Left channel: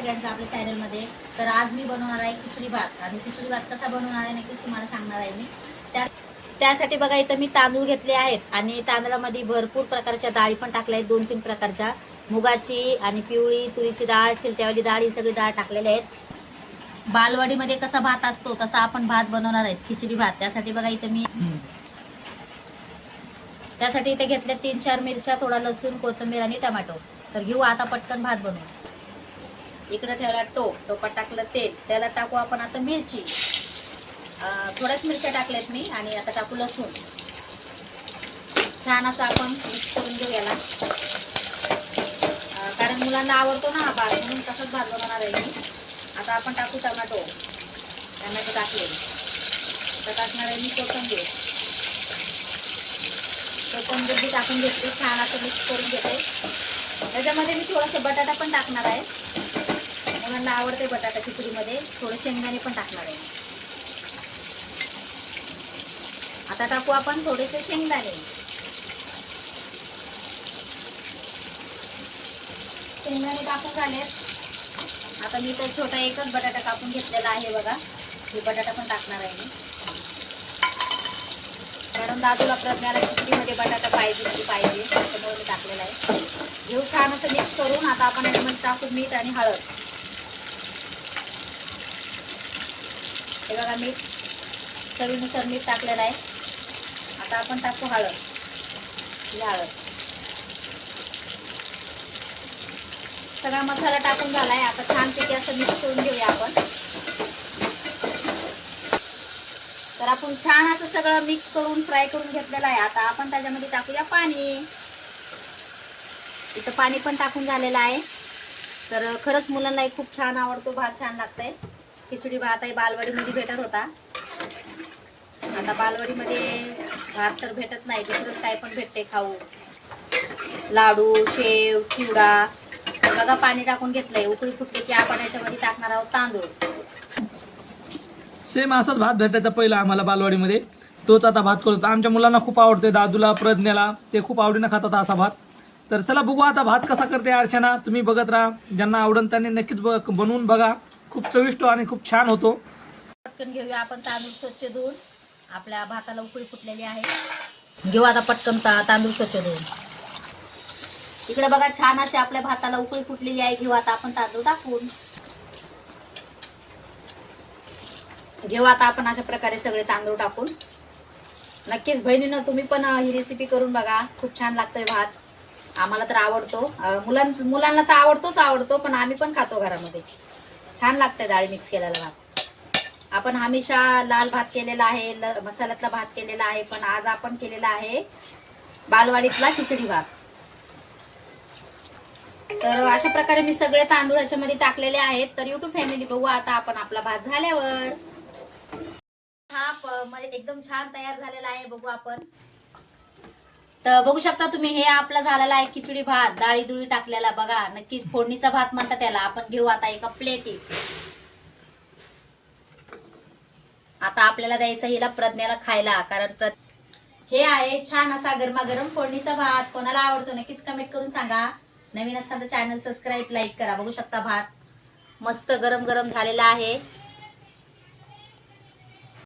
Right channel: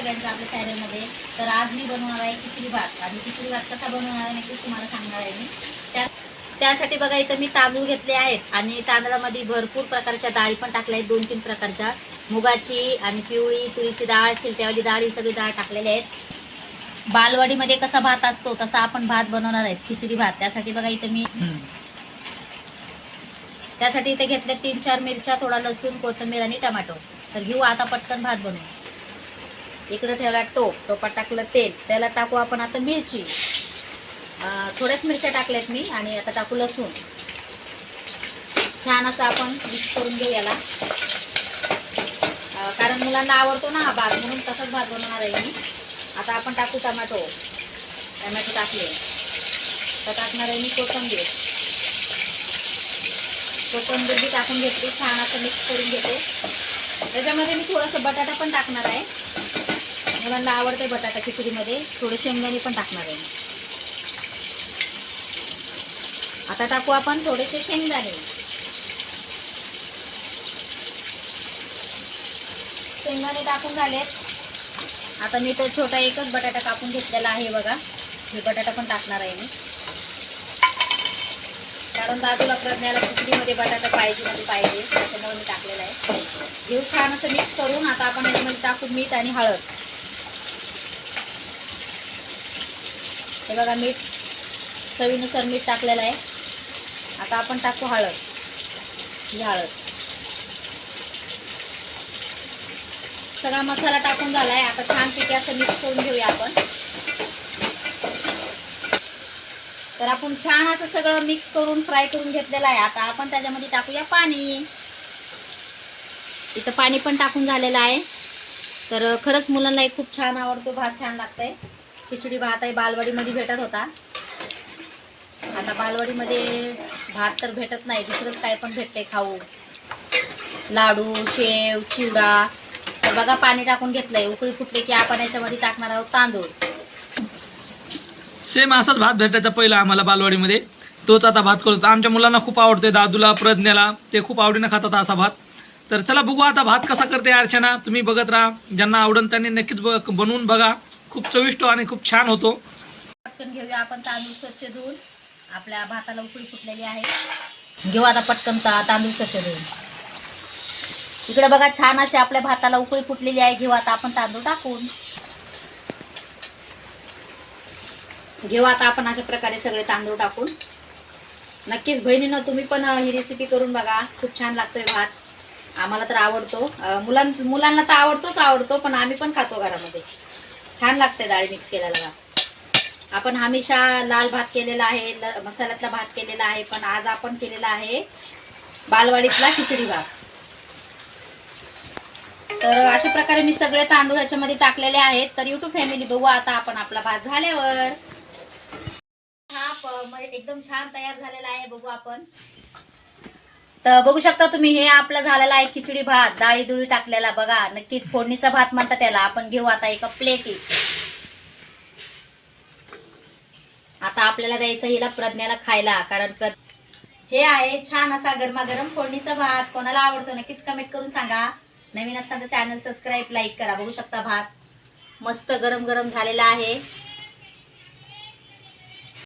सगळ्यांचं आपल्या चॅनलमध्ये तर आज मी बनवणार आहे खिचडी भात. आणि खिचडी भात कसा बनवणार आहे नक्कीच तुम्हाला सांगणार आहे मी. त्या त्यासाठी बघा इथं मी तांदूळ घेतले आहेत. आणि तांदळामध्ये भरपूर प्रकारच्या डाळी पण टाकल्या आहेत. दोन तीन प्रकारच्या. मुगाची आणि पिवळी तुरीची डाळ सिलट्यावाली डाळ ही सगळी डाळ टाकलेली आहेत. बालवाडीमध्ये कसा भात असतो तसा आपण भात बनवणार आहे खिचडी भात. त्यासाठी बघा इथं मी त्यासाठी इथे घेतले तीन चार मिरच्या थोडा लसूण कोथिंबीर आणि टमॅटो तर घेऊ आता पटकन भात बनवू. इकडे ठेवला टोप टोपात टाकलं तेल त्याला टाकू आपण आता मिरची. थोड्याच मिरच्या टाकल्यात मी आणि आता टाकू लसूण. छान असं आपण मिक्स करून घेऊ याला. कारण मुलांना आवडतो ना भात म्हणून तसंच भात बनवणार आहे मी. आता आपण टाकू टमॅटो. टमॅटो टाकले. आता टाकणार आहे मी कोथंबीर. कोथंबीर बी टाकून घेते छान असं मिक्स करून घेते. त्याच्यामध्ये मी थोडंसं बटाटा पण टाकणार आहे. मुलांना आवडते बटाटा खिचडीमध्ये. थोडे शेंगदाणे पण टाकणार आहे आता टाकू आपण थोडेसे शेंगदाणे. शेंगदाणे टाकून झाले आता मी तर छोटा एकच बटाटा कापून घेतलेला आहे बघा. हे बटाटा पण टाकणार आहे मी. कारण दादूला प्रज्ञाला खिचडीमध्ये बटाटा पाहिजे म्हणजे पाहिजे. त्याच्यामुळे मी टाकलेला आहे. घेऊ छान असं मिक्स करून. आता आपण याच्यामध्ये टाकू मीठ आणि हळद. हे बघा मीठ चवीनुसार मीठ टाकलेलं आहे. आता आपण टाकू हळद. ही हळद. सगळा मसाला टाकून झाला आहे. आता छानपैकी असं मिक्स करून घेऊया आपण. तर आपण छान असं सगळं मिक्स करून फ्राय करून घेतलेलं आहे. आता आपण त्याच्यामध्ये टाकूया पाणी. इथं पाणी पण टाकून झालेलं आहे. तर खरंच मुलांना खूप छान आवडतो. भात छान लागतंय. खिचडी भात आहे बालवाडीमध्ये भेटत होता. आता बालवाडीमध्ये भात तर भेटत नाही दुसरंच काय पण भेटते खाऊ. लाडू शेव चिवडा. तर बघा पाणी टाकून घेतलंय. उकळी फुटली की आपण याच्यामध्ये टाकणार आहोत तांदूळ. सेम असाच भात भेटायचा पहिला आम्हाला बालवाडीमध्ये. तोच आता भात करतो. आमच्या मुलांना खूप आवडते दादूला प्रज्ञाला. ते खूप आवडीनं खातात असा भात. तर चला बघू आता भात कसा करते अर्चना. तुम्ही बघत राहा. ज्यांना आवडन त्यांनी नक्कीच ब- बनवून बघा. खूप चविष्ट आणि खूप छान होतो. पटकन घेऊया आपण तांदूळ स्वच्छ धुवून. आपल्या भाताला उकळी फुटलेली आहे. घेऊ आता पटकन तांदूळ स्वच्छ धुवून. इकडे बघा छान असे आपल्या भाताला उकळी फुटलेली आहे. घेऊ आता आपण तांदूळ टाकून. घेऊ आता आपण अशा प्रकारे सगळे तांदूळ टाकून. नक्कीच बहिणीनं तुम्ही पण ही रेसिपी करून बघा. खूप छान लागतोय भात. आम्हाला तर आवडतो. मुलां मुलांना तर आवडतोच आवडतो पण आम्ही पण खातो घरामध्ये. छान लागते डाळ मिक्स केलेला भात आपण हमेशा लाल भात केलेला आहे मसाल्यातला भात केलेला आहे पण आज आपण केलेला आहे बालवाडीतला खिचडी भात. तर अशा प्रकारे मी सगळे तांदूळ याच्यामध्ये टाकलेले आहेत. तर युट्यूब फॅमिली बघू आता आपण आपला भात झाल्यावर. हा एकदम छान तयार झालेला आहे बघू आपण. तर बघू शकता तुम्ही हे आपला झालेला आहे खिचडी भात डाळी दुळी टाकलेला बघा. नक्कीच फोडणीचा भात म्हणतात त्याला. आपण घेऊ आता एका प्लेटी आता आपल्याला द्यायचं हिला प्रज्ञाला खायला कारण प्र हे आहे छान असा गरमागरम फोडणीचा भात. कोणाला आवडतो नक्कीच कमेंट करून सांगा. नवीन असताना चॅनल सबस्क्राईब लाईक करा. बघू शकता भात मस्त गरम गरम झालेला आहे.